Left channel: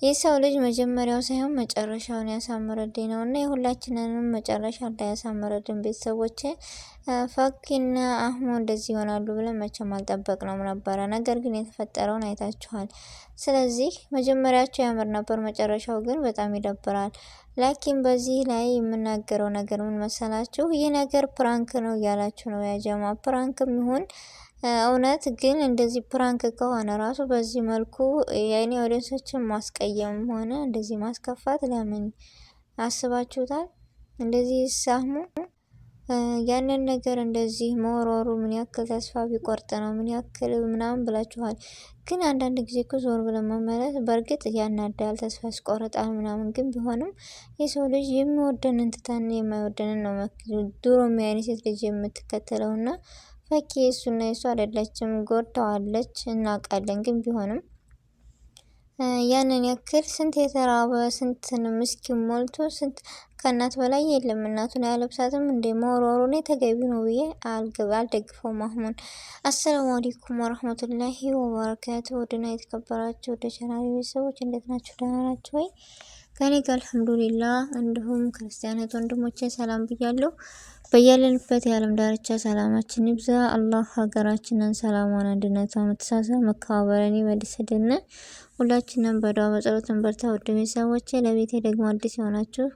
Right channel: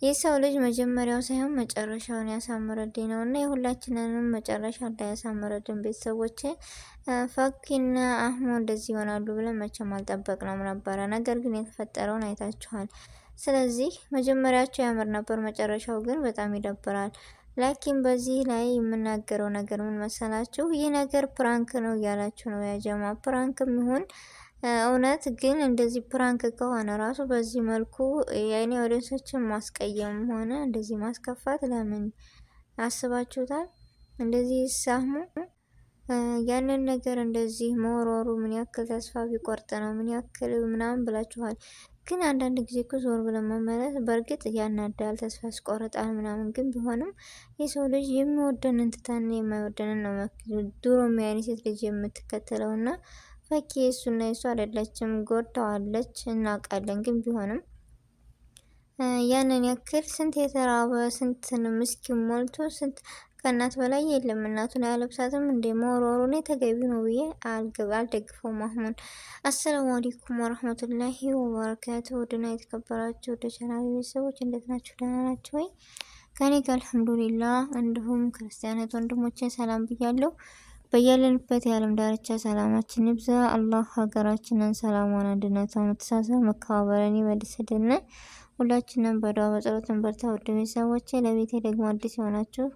የሰው ልጅ መጀመሪያው ሳይሆን መጨረሻውን ያሳምርልኝ ነው እና የሁላችንንም መጨረሻ እንዳያሳምርልን ቤተሰቦቼ። ፈኪና አህሙ እንደዚህ ይሆናሉ ብለን መቼም አልጠበቅነውም ነበረ። ነገር ግን የተፈጠረውን አይታችኋል። ስለዚህ መጀመሪያቸው ያምር ነበር፣ መጨረሻው ግን በጣም ይደብራል። ላኪን በዚህ ላይ የምናገረው ነገር ምን መሰላችሁ? ይህ ነገር ፕራንክ ነው እያላችሁ ነው ያጀማ። ፕራንክም ይሁን እውነት ግን እንደዚህ ፕራንክ ከሆነ ራሱ በዚህ መልኩ የኔ ወደሰችን ማስቀየም ሆነ እንደዚህ ማስከፋት ለምን አስባችሁታል? እንደዚህ ሳሙ ያንን ነገር እንደዚህ መወሮሩ ምን ያክል ተስፋ ቢቆርጥ ነው ምን ያክል ምናምን ብላችኋል። ግን አንዳንድ ጊዜ እኮ ዞር ብለን መመለስ በእርግጥ ያናዳል፣ ተስፋ ያስቆርጣል ምናምን። ግን ቢሆንም የሰው ልጅ የሚወደንን ትተን የማይወደንን ነው ድሮ የሚያኔ ሴት ልጅ የምትከተለውና ፈኪ እሱና የሱ አይደለችም፣ ጎድተዋለች እናውቃለን። ግን ቢሆንም ያንን ያክል ስንት የተራበ ስንት ምስኪን ሞልቶ ስንት ከእናት በላይ የለም። እናቱን አያለብሳትም እንደ መወርወሩ ነው ተገቢ ነው ብዬ አልደግፈውም። አሁን አሰላሙ አለይኩም ወረህመቱላሂ ወበረካቱ። ወድና የተከበራችሁ ወደ ቻናሌ ቤተሰቦች እንዴት ናችሁ? ደህና ናችሁ ወይ? ከኔ ጋር አልሐምዱሊላህ። እንዲሁም ክርስቲያናት ወንድሞቼ ሰላም ብያለሁ። በያለንበት የዓለም ዳርቻ ሰላማችን ይብዛ። አላህ ሀገራችንን ሰላሟን፣ አንድነቷን፣ መተሳሰብ፣ መከባበርን ይመልስልን። ሁላችንም በዱዓ በጸሎት እንበርታ። ውድ ቤተሰቦቼ ለቤቴ ደግሞ አዲስ የሆናችሁ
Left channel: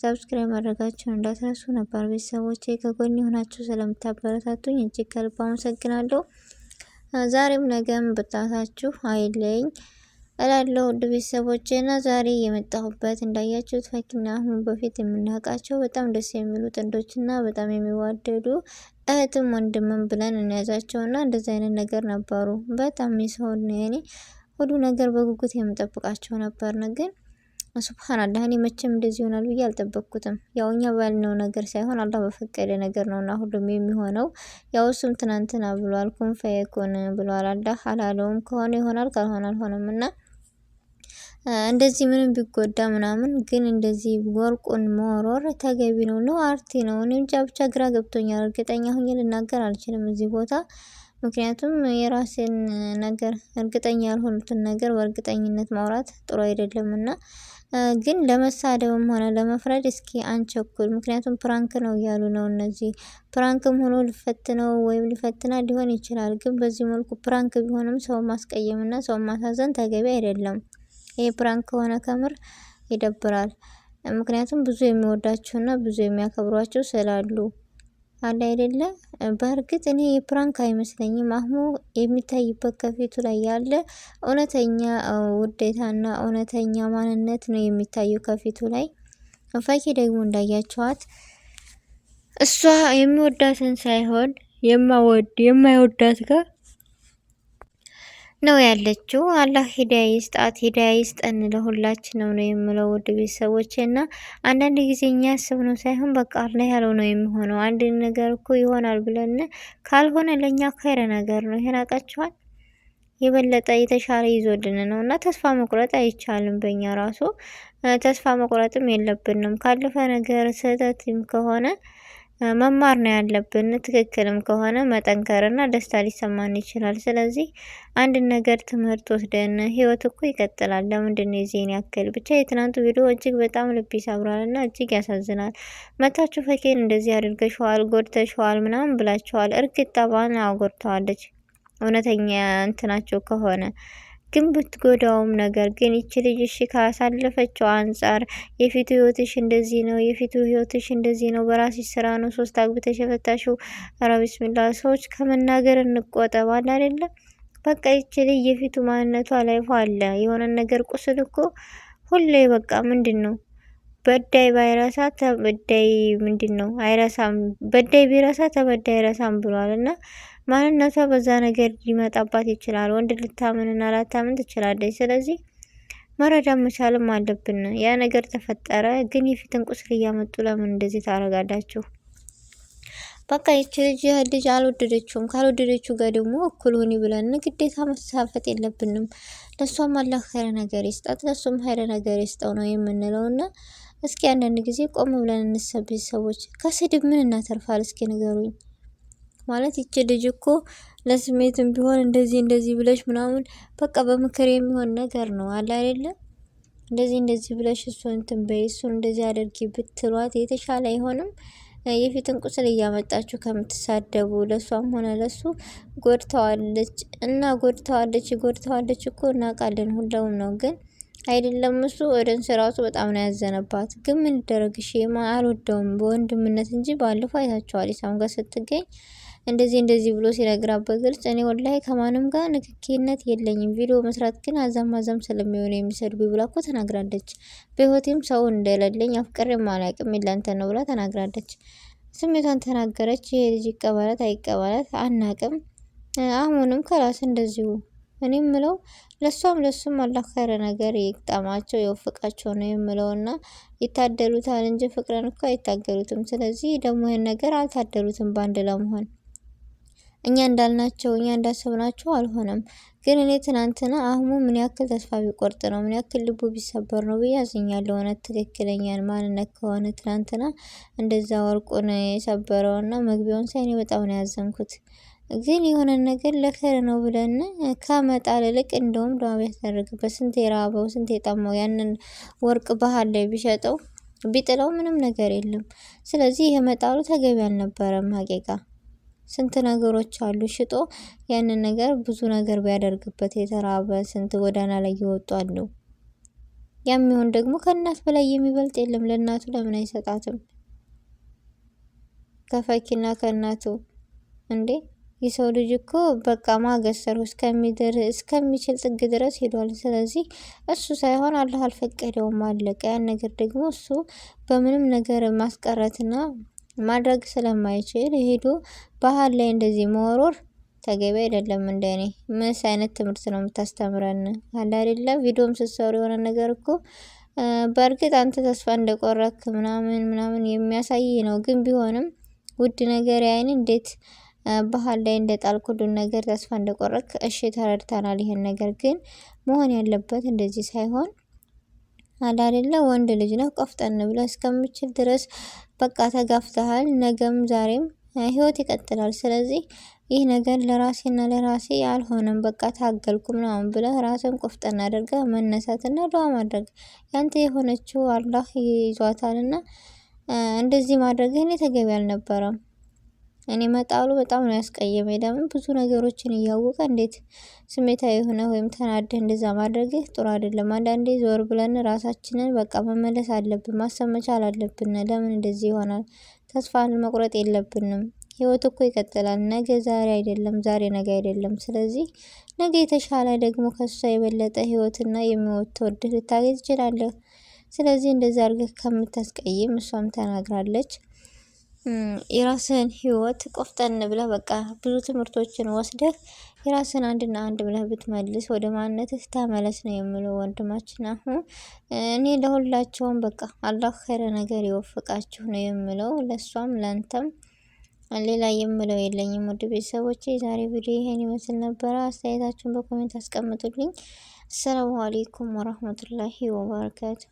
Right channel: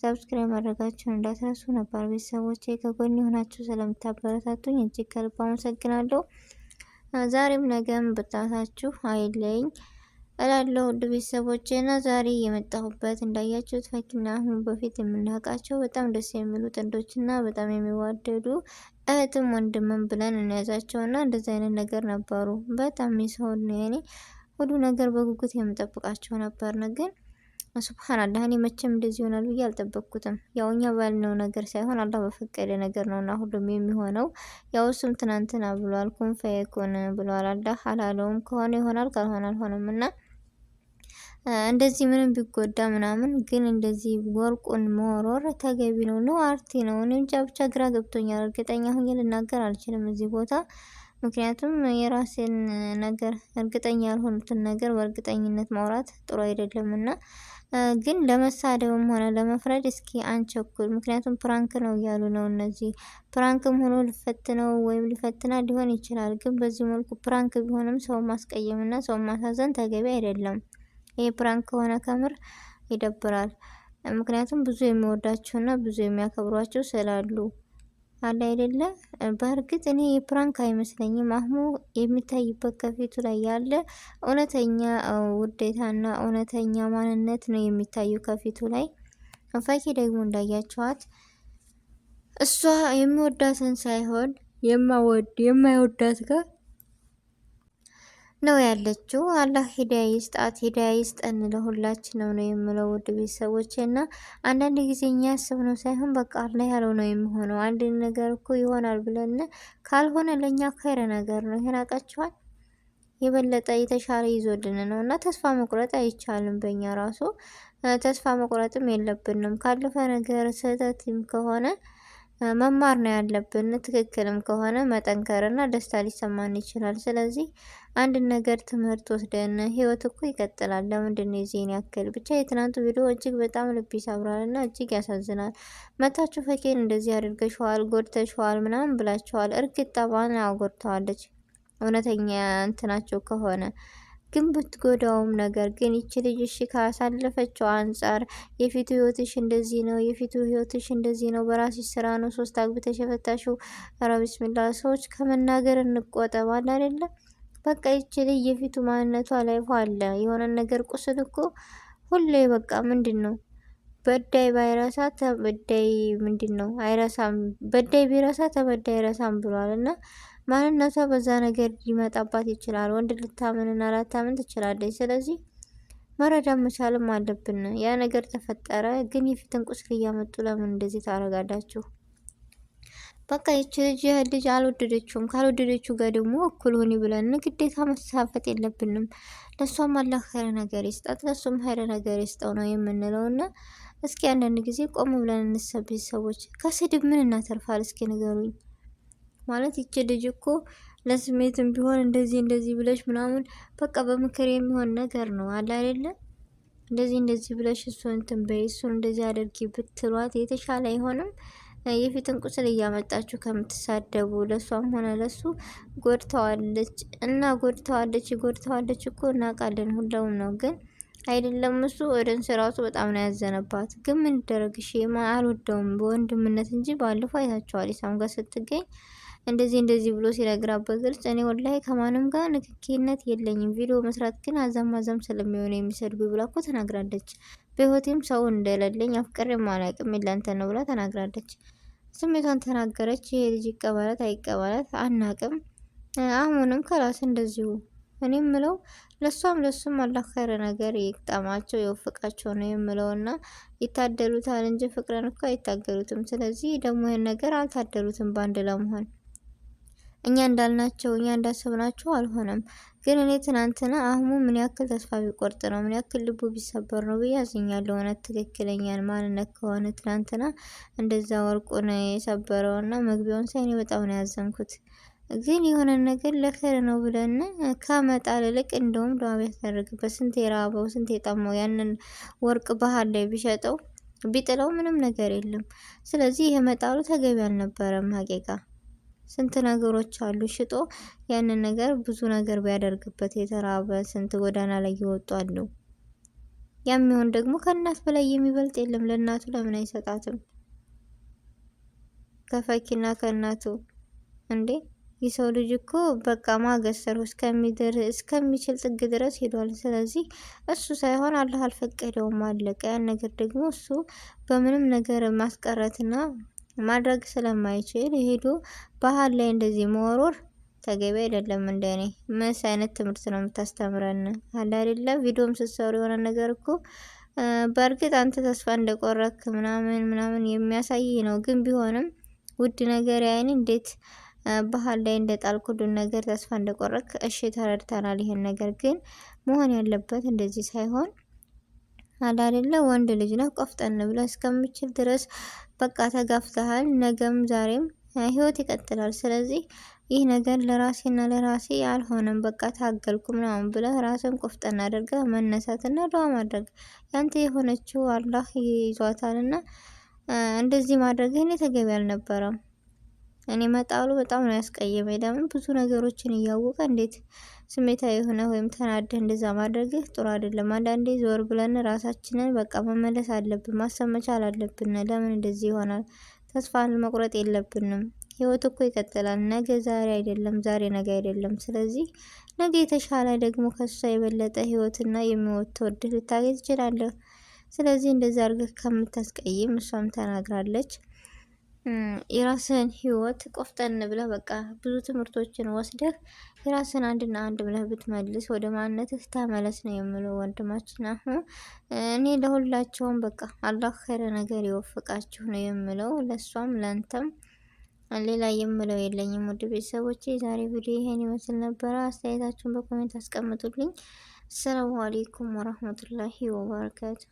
ሰብስክራይብ ማድረጋችሁን እንዳትረሱ። ነባር ቤተሰቦቼ ከጎን የሆናችሁ ስለምታበረታቱኝ እጅግ ከልብ አመሰግናለሁ። ዛሬም ነገም ብርታታችሁ አይለኝ እላለሁ። ውድ ቤተሰቦቼ እና ዛሬ የመጣሁበት እንዳያችሁት ፈኪና አህሙ በፊት የምናውቃቸው በጣም ደስ የሚሉ ጥንዶችና በጣም የሚዋደዱ እህትም ወንድምም ብለን እንያዛቸውና እንደዚህ አይነት ነገር ነበሩ። በጣም የሰውን ያኔ ሁሉ ነገር በጉጉት የምጠብቃቸው ነበር። ግን ሱብሃንአላህ እኔ መቼም እንደዚህ ይሆናል ብዬ አልጠበቅኩትም። ያው እኛ ባልነው ነገር ሳይሆን አላህ በፈቀደ ነገር ነውና ሁሉም የሚሆነው። ያው እሱም ትናንትና ብሏል፣ ኩን ፈየኩን ብሏል። አላህ አላለውም። ከሆነ ይሆናል፣ ካልሆነ አልሆነም። እና እንደዚህ ምንም ቢጎዳ ምናምን ግን እንደዚህ ወርቁን መወርወር ተገቢ ነው አርቲ ነው? እኔ እንጃ ብቻ ግራ ገብቶኛል። እርግጠኛ ሆኜ ልናገር አልችልም እዚህ ቦታ። ምክንያቱም የራሴን ነገር እርግጠኛ ያልሆኑትን ነገር በእርግጠኝነት ማውራት ጥሩ አይደለምና ግን ለመሳደብም ሆነ ለመፍረድ እስኪ አንቸኩል። ምክንያቱም ፕራንክ ነው እያሉ ነው እነዚህ። ፕራንክም ሆኖ ሊፈትነው ወይም ሊፈትና ሊሆን ይችላል። ግን በዚህ መልኩ ፕራንክ ቢሆንም ሰው ማስቀየምና ሰው ማሳዘን ተገቢ አይደለም። ይሄ ፕራንክ ከሆነ ከምር ይደብራል። ምክንያቱም ብዙ የሚወዳቸውና ብዙ የሚያከብሯቸው ስላሉ አለ አይደለ። በእርግጥ እኔ የፕራንክ አይመስለኝም። አህሙ የሚታይበት ከፊቱ ላይ ያለ እውነተኛ ውዴታና እውነተኛ ማንነት ነው የሚታየው ከፊቱ ላይ። ፈኪ ደግሞ እንዳያቸዋት እሷ የሚወዳትን ሳይሆን የማይወዳት ጋር ነው ያለችው። አላህ ሂዳያ ይስጣት፣ ሂዳያ ይስጠን ለሁላችንም ነው የምለው ውድ ቤተሰቦቼ። እና አንዳንድ ጊዜ እኛ ያስብነው ሳይሆን በቃ አላህ ያለው ነው የሚሆነው። አንድ ነገር እኮ ይሆናል ብለን ካልሆነ ለእኛ ካይረ ነገር ነው። ይሄን አውቃችኋል። የበለጠ የተሻለ ይዞልን ነው እና ተስፋ መቁረጥ አይቻልም። በእኛ ራሱ ተስፋ መቁረጥም የለብንም። ካለፈ ነገር ስህተትም ከሆነ መማር ነው ያለብን። ትክክልም ከሆነ መጠንከርና ደስታ ሊሰማን ይችላል። ስለዚህ አንድ ነገር ትምህርት ወስደን ህይወት እኮ ይቀጥላል። ለምንድን ነው የዚህን ያክል? ብቻ የትናንቱ ቪዲዮ እጅግ በጣም ልብ ይሰብራልና እጅግ ያሳዝናል። መታችሁ ፈኪን እንደዚህ አድርገሽዋል፣ ጎድተሽዋል ምናምን ብላችኋል። እርግጥ ጠባን አጎድተዋለች እውነተኛ እንትናቸው ከሆነ ግን ብትጎዳውም ነገር ግን ይቺ ልጅ እሺ ካሳለፈችው አንጻር የፊቱ ህይወትሽ እንደዚህ ነው፣ የፊቱ ህይወትሽ እንደዚህ ነው፣ በራስሽ ስራ ነው 3 አግብተሽ የፈታሽው። ኧረ ቢስሚላህ ሰዎች ከመናገር እንቆጠባል አይደለ? በቃ ይቺ ልጅ የፊቱ ማንነቷ ላይ አለ የሆነ ነገር ቁስል እኮ ሁሌ በቃ ምንድነው በዳይ ባይረሳ ተበዳይ ምንድነው አይረሳም፣ በዳይ ቢረሳ ተበዳይ አይረሳም ብሏል። እና ማንነቷ በዛ ነገር ሊመጣባት ይችላል። ወንድ ልታምንና ላታምን ትችላለች። ስለዚህ መረዳት መቻልም አለብን። ያ ነገር ተፈጠረ፣ ግን የፊትን ቁስል እያመጡ ለምን እንደዚህ ታረጋላችሁ? በቃ ይቺ ልጅ አልወደደችውም። ካልወደደችው ጋር ደግሞ እኩል ሆኒ ብለን ግዴታ መሳፈጥ የለብንም። ለሷም አላህ ኸይር ነገር ይስጣት፣ ለሱም ኸይር ነገር ይስጠው ነው የምንለውና እስኪ አንዳንድ ጊዜ ቆም ብለን እንሰብ። ሰዎች ከስድብ ምን እናተርፋል? እስኪ ንገሩኝ። ማለት ይቺ ልጅ እኮ ለስሜትም ቢሆን እንደዚህ ብለሽ ምናምን በቃ በምክር የሚሆን ነገር ነው አለ አይደለ? እንደዚህ እንደዚህ ብለሽ እሱን እንትን በይ እሱን እንደዚህ አድርጊ ብትሏት የተሻለ አይሆንም? የፊትን ቁስል እያመጣችሁ ከምትሳደቡ ለሷም ሆነ ለሱ ጎድተዋለች እና ጎድተዋለች እኮ እናውቃለን፣ ሁሉም ነው ግን አይደለም እሱ ወደንስ ራሱ በጣም ነው ያዘነባት። ግን ምን ይደረግሽ አልወደውም በወንድምነት እንጂ ባለፈው አይታችኋል ኢሳም ጋር ስትገኝ እንደዚህ ብሎ ሲነግራት በግልጽ እኔ ወላሂ ከማንም ጋር ንክኪነት የለኝም፣ ቪዲዮ መስራት ግን አዛም ስለሚሆን የሚሰድቡ ብላ እኮ ተናግራለች። በህይወቴም ሰው እንደሌለኝ አፍቅሬም አላውቅም ይላንተ ነው ብላ ተናግራለች። ስሜቷን ተናገረች። ይሄ ልጅ ይቀበላት አይቀበላት አናቅም። አሁንም ከራስ እንደዚሁ እኔ ምለው ለሱም አላህ ኸይረ ነገር ይቅጠማቸው ይወፍቃቸው ነው የምለውና ይታደሉታል እንጂ ፍቅርን እኮ አይታገሉትም። ስለዚህ ደግሞ ይሄን ነገር አልታደሉትም ባንድ ለመሆን እኛ እንዳልናቸው እኛ እንዳሰብናቸው አልሆነም። ግን እኔ ትናንትና አህሙ ምን ያክል ተስፋ ቢቆርጥ ነው ምን ያክል ልቡ ቢሰበር ነው ብዬ አዝኛለሁ። እውነት ትክክለኛን ማንነት ከሆነ ትናንትና እንደዛ ወርቁን የሰበረውና መግቢያውን ሳይኔ በጣም ነው ያዘንኩት። ግን የሆነ ነገር ለኸይር ነው ብለን ከመጣል ይልቅ እንደውም ዱዓ ቢያስደርግበት ስንት የራበው ስንት የጠማው ያንን ወርቅ ባህር ላይ ቢሸጠው ቢጥለው ምንም ነገር የለም። ስለዚህ ይሄ መጣሉ ተገቢ አልነበረም ሀቂቃ ስንት ነገሮች አሉ ሽጦ ያንን ነገር ብዙ ነገር ቢያደርግበት የተራበ ስንት ጎዳና ላይ ይወጡ አሉ። ያም ይሁን ደግሞ ከእናት በላይ የሚበልጥ የለም። ለእናቱ ለምን አይሰጣትም? ከፈኪና ከእናቱ እንዴ የሰው ልጅ እኮ በቃ ማገሰሩ እስከሚችል ጥግ ድረስ ሄዷል። ስለዚህ እሱ ሳይሆን አላህ አልፈቀደውም አለቀ። ያን ነገር ደግሞ እሱ በምንም ነገር ማስቀረትና ማድረግ ስለማይችል ሄዶ ባህል ላይ እንደዚህ መወርወር ተገቢ አይደለም። እንደኔ ምን አይነት ትምህርት ነው የምታስተምረን? አለ አይደለ ቪዲዮም ስትሰሩ የሆነ ነገር እኮ በእርግጥ አንተ ተስፋ እንደቆረክ ምናምን የሚያሳይ ነው። ግን ቢሆንም ውድ ነገር ያይን እንዴት ባህል ላይ እንደጣልኩ ሁሉን ነገር ተስፋ እንደቆረክ እሺ ተረድተናል። ይሄን ነገር ግን መሆን ያለበት እንደዚህ ሳይሆን አለ አይደለ ወንድ ልጅ ነው ቆፍጠን ብለህ እስከምችል ድረስ በቃ ተጋፍተሃል። ነገም ዛሬም ህይወት ይቀጥላል። ስለዚህ ይህ ነገር ለራሴና ለራሴ አልሆነም በቃ ታገልኩ ምናምን ብለህ ራስን ቆፍጠን አድርገህ መነሳትና ዱዓ ማድረግ ያንተ የሆነችው አላህ ይዟታልና እንደዚህ ማድረግ እኔ ተገቢ አልነበረም። እኔ መጣሉ በጣም ነው ያስቀየመኝ። ለምን ብዙ ነገሮችን እያወቀ እንዴት ስሜታዊ ሆነ ወይም ተናደህ እንደዛ ማድረግህ ጥሩ አይደለም። አንዳንዴ ዞር ብለን ራሳችንን በቃ መመለስ አለብን፣ ማሰብ መቻል አለብን። ለምን እንደዚህ ይሆናል? ተስፋን መቁረጥ የለብንም። ህይወት እኮ ይቀጥላል። ነገ ዛሬ አይደለም፣ ዛሬ ነገ አይደለም። ስለዚህ ነገ የተሻለ ደግሞ ከሷ የበለጠ ህይወትና የሚወጣው እድል ልታገኝ ትችላለህ። ስለዚህ እንደዛ አድርገህ ከምታስቀይም እሷም ተናግራለች። የራስህን ህይወት ቆፍጠን ብለህ በቃ ብዙ ትምህርቶችን ወስደህ የራስህን አንድና አንድ ብለህ ብትመልስ ወደ ማንነትህ ተመለስ ነው የምለው ወንድማችን። አሁን እኔ ለሁላቸውም በቃ አላህ ኸይረ ነገር ይወፍቃችሁ ነው የምለው፣ ለሷም ለንተም ሌላ የምለው የለኝም። ውድ ቤተሰቦቼ ዛሬ ቪዲዮ ይሄን ይመስል ነበረ። አስተያየታችሁን በኮሜንት አስቀምጡልኝ። ሰላም አለይኩም ወራህመቱላሂ ወበረካቱ።